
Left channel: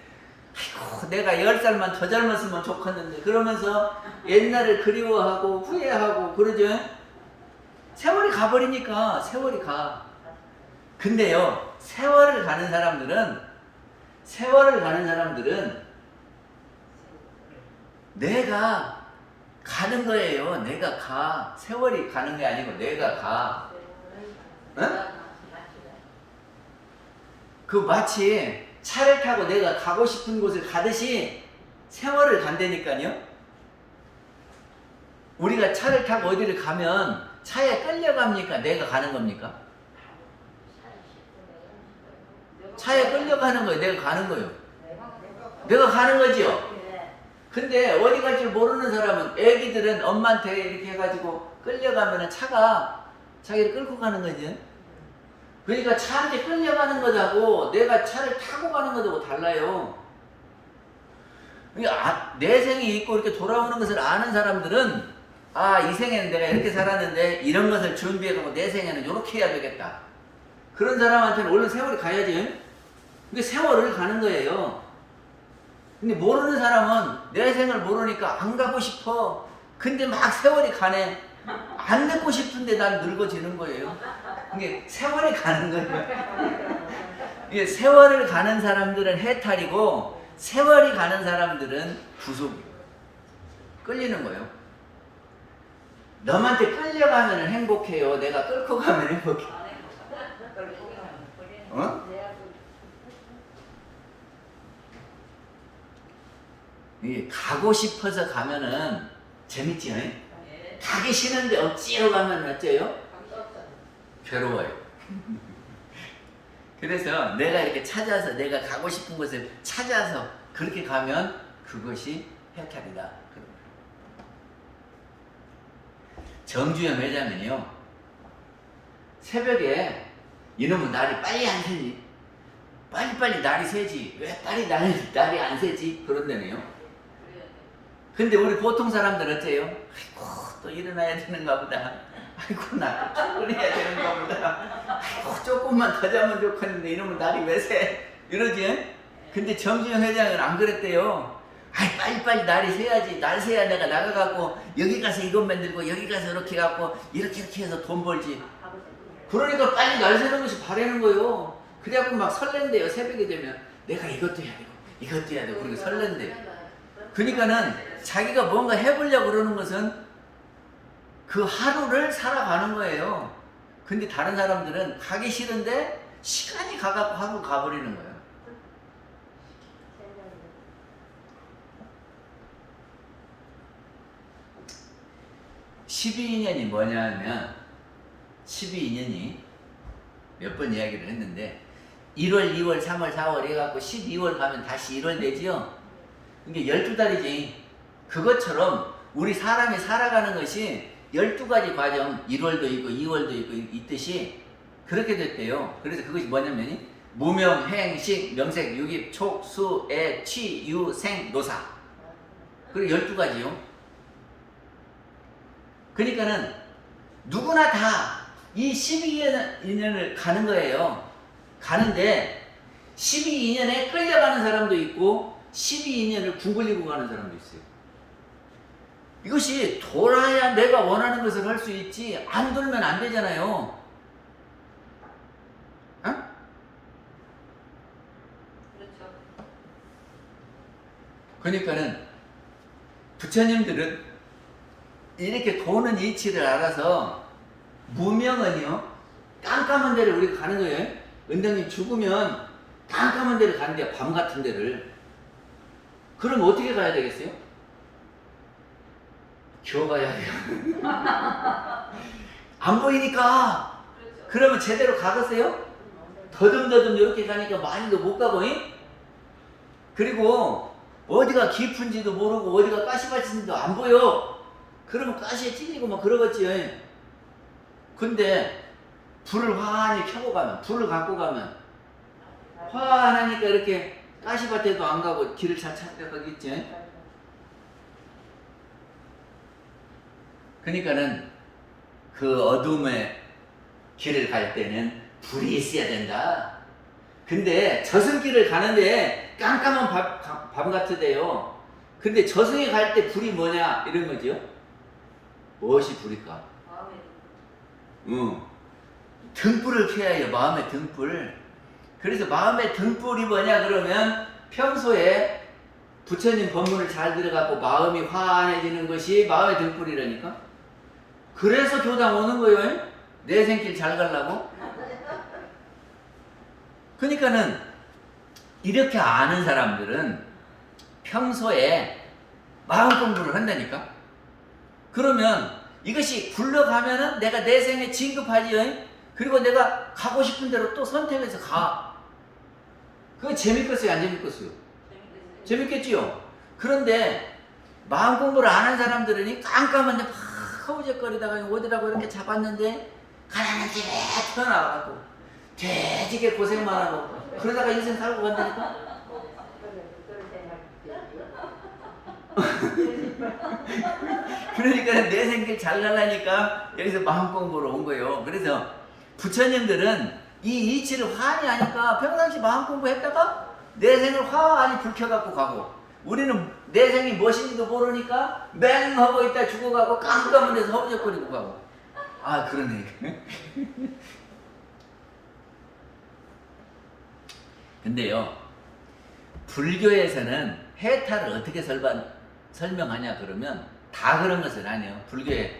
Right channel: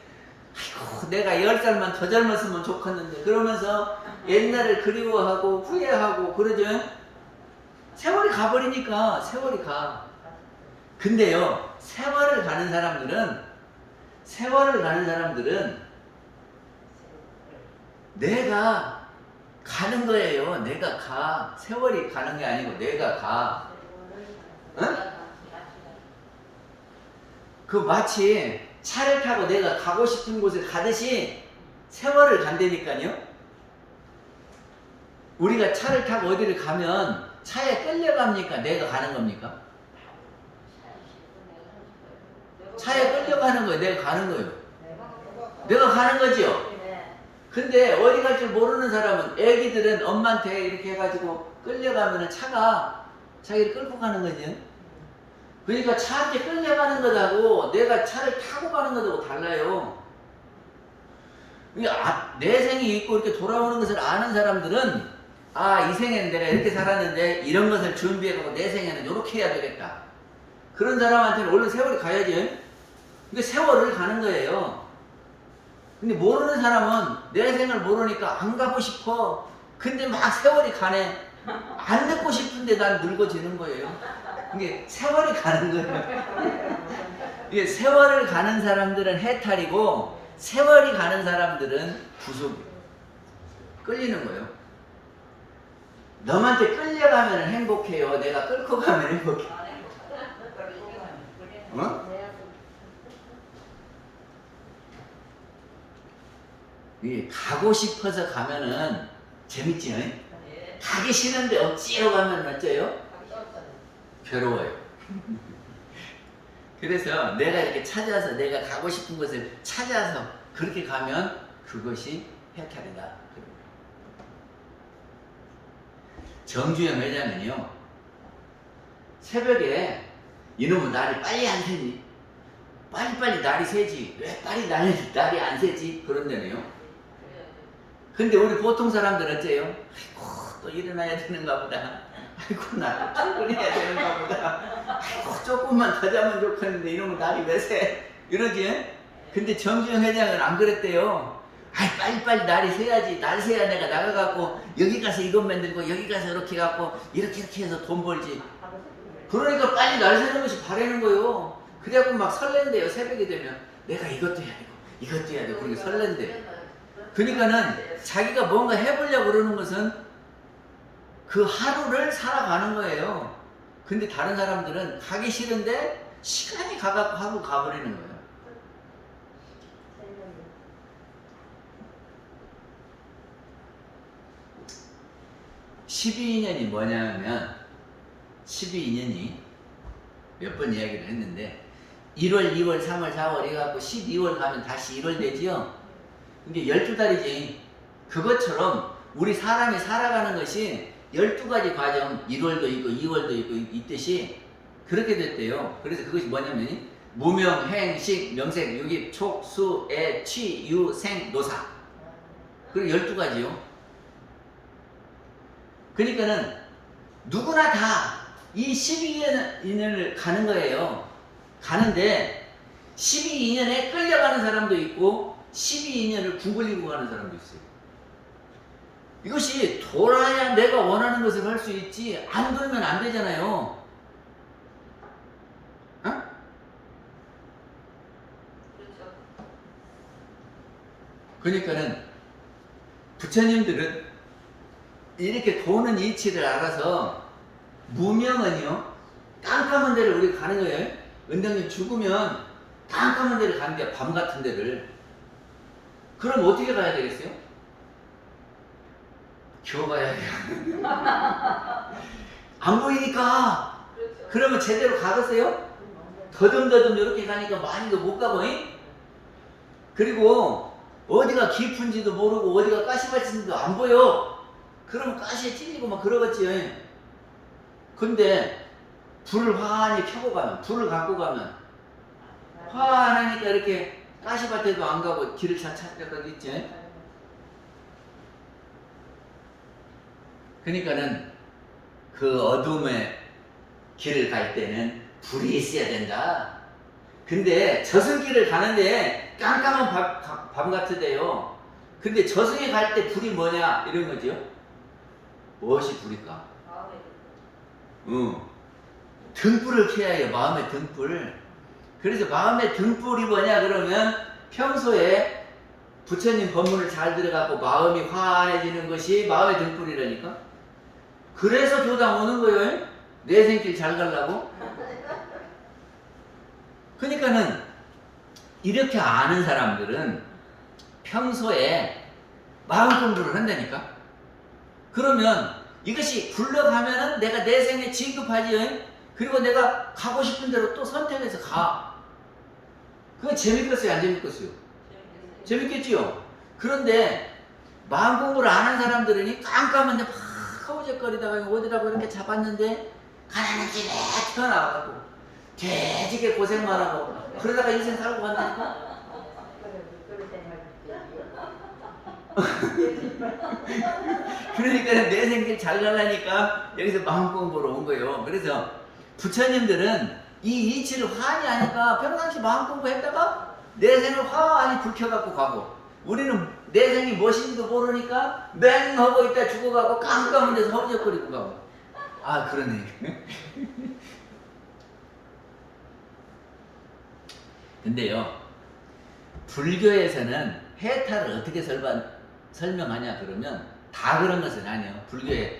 아이고, 내가 10살만 더 젊었으면 좋겠는데, 그러면서 옛날을 그리워하고 후회하고 그러죠. 세월이 가버리니까 세월이 가. 근데요, 세월을 가는 사람들은 내가 가는 거예요. 내가 가. 세월이 가는 게 아니고 내가 가. 응? 그 마치 차를 타고 내가 가고 싶은 곳을 가듯이 세월을 간다니까요. 우리가 차를 타고 어디를 가면 차에 끌려갑니까? 내가 가는 겁니까? 차에 끌려가는 거예요. 내가 가는 거예요. 내가 가는 거지요. 근데 어디 갈 줄 모르는 사람은, 애기들은 엄마한테 이렇게 해가지고 끌려가면 차가 자기를 끌고 가는 거지. 그러니까 차한테 끌려가는 것하고 내가 차를 타고 가는 것하고 달라요. 그러니까 내 생이 있고 이렇게 돌아오는 것을 아는 사람들은, 아, 이 생에는 내가 이렇게 살았는데 이런 것을 준비해가고 내 생에는 이렇게 해야 되겠다. 그런 사람한테는 얼른 세월이 가야지. 이게 세월을 가는 거예요. 근데 모르는 사람은 내 생을 모르니까 안 가고 싶어. 근데 막 세월이 가네. 안 듣고 싶은데 난 늙어지는 거예요. 이게 세월이 가는 거예요. 이게 세월을 가는 사람들은 해탈이고 세월이 가는 사람들은 구속이에요. 끌리는 거예요. 너한테 끌려가면 행복해요. 내가 끌고 가면 행복해. 어? 가고 싶어서 가면은 재밌지? 가기 싫은데 어찌로 가면 어째요? 괴로워요. 그래서 내가 이렇게 찾아서 내가 가고 싶은 곳을 찾아서 그렇게 가면 그것이 해탈이다. 정주영 회장은요, 새벽에 이놈은 날이 빨리 안 새니? 빨리빨리 날이 새지. 왜 빨리 날이 안 새지? 그런다네요. 근데 우리 보통 사람들은 어째요? 아이고, 또 일어나야 되는가 보다. 아이고, 나 출근해야 되는가 보다. 아이고, 조금만 더 자면 좋겠는데 이놈은 날이 왜 새? 이러지? 근데 정주영 회장은 안 그랬대요. 아이, 빨리빨리 날이 새야지. 날 새야 내가 나가갖고 여기 가서 이것 만들고 여기 가서 이렇게 갖고 이렇게 해서 돈 벌지. 그러니까 빨리 날 새는 것이 바라는 거요. 그래갖고 막 설렌대요. 새벽이 되면 내가 이것도 해야 되고 이것도 해야 되고 그러니까 설렌대요. 그러니까는 자기가 뭔가 해보려고 그러는 것은 그 하루를 살아가는 거예요. 근데 다른 사람들은 가기 싫은데 시간이 가갖고 하고 가버리는 거예요. (12인연이) 뭐냐면 12인연이 몇 번 이야기를 했는데 1월, 2월, 3월, 4월 해갖고 12월 가면 다시 1월 되지요. 근데 12달이지. 그것처럼 우리 사람이 살아가는 것이 12가지 과정, 1월도 있고 2월도 있고 있듯이 그렇게 됐대요. 그래서 그것이 뭐냐면 무명, 행, 식, 명색, 유기, 촉, 수, 애, 취, 유, 생, 노사. 그리고 12가지요. 그러니까는 누구나 다 이 12인연을 가는 거예요. 가는데 12인연에 끌려가는 사람도 있고 12인연을 구걸리고 가는 사람도 있어요. 이것이 돌아야 내가 원하는 것을 할 수 있지 안 돌면 안 되잖아요. 어? 그렇죠. 그러니까는 부처님들은 이렇게 도는 이치를 알아서 무명은요 깜깜한 데를 우리가 가는 거예요. 은장님 죽으면 깜깜한 데를 가는데 밤 같은 데를. 그럼 어떻게 가야 되겠어요? 겨가야 돼요. 안 보이니까. 그렇죠. 그러면 제대로 가겠어요? 더듬더듬 이렇게 가니까 많이도 못 가고. 그리고 어디가 깊은지도 모르고 어디가 가시밭인지도 안 보여. 그러면 가시에 찔리고 막 그러겠지. 근데 불을 환히 켜고 가면, 불을 갖고 가면 화 안 하니까 이렇게 가시밭에도 안 가고 길을 잘 찾아가겠지. 그러니까는 그 어둠의 길을 갈 때는 불이 있어야 된다. 근데 저승길을 가는데 깜깜한 밤 같으대요. 근데 저승에 갈 때 불이 뭐냐 이런 거죠. 무엇이 불일까? 마음에 등불을 켜야 해요. 마음의 등불. 그래서 마음의 등불이 뭐냐 그러면 평소에 부처님 법문을 잘 들어갖고 마음이 환해지는 것이 마음의 등불이라니까. 그래서 교당 오는 거예요. 내 생길 잘 가려고. 그러니까는 이렇게 아는 사람들은 평소에 마음 공부를 한다니까. 그러면 이것이 굴러가면은 내가 내 생에 진급하지. 그리고 내가 가고 싶은 대로 또 선택해서 가. 그건 재밌겠어요, 안 재밌겠어요? 재밌겠지요. 그런데 마음 공부를 안 한 사람들은 깜깜한데 막 허우적거리다가 어디라고 이렇게 잡았는데 가난한 집에 태어나가고 되게 고생만 하고 그러다가 인생 살고 간다니까. 그러니까 내 생길 잘 가려니까 여기서 마음 공부로 온 거예요. 그래서 부처님들은 이 이치를 환히 하니까 평상시 마음 공부했다가 내 생을 환히 불켜갖고 가고, 우리는 내 생이 무엇인지도 모르니까 맹하고 있다 죽어가고 깜깜한 데서 허우적거리고 가고. 아 그러네. 근데요, 불교에서는 해탈을 어떻게 설명하냐 그러면 다 그런 것은 아니에요. 불교에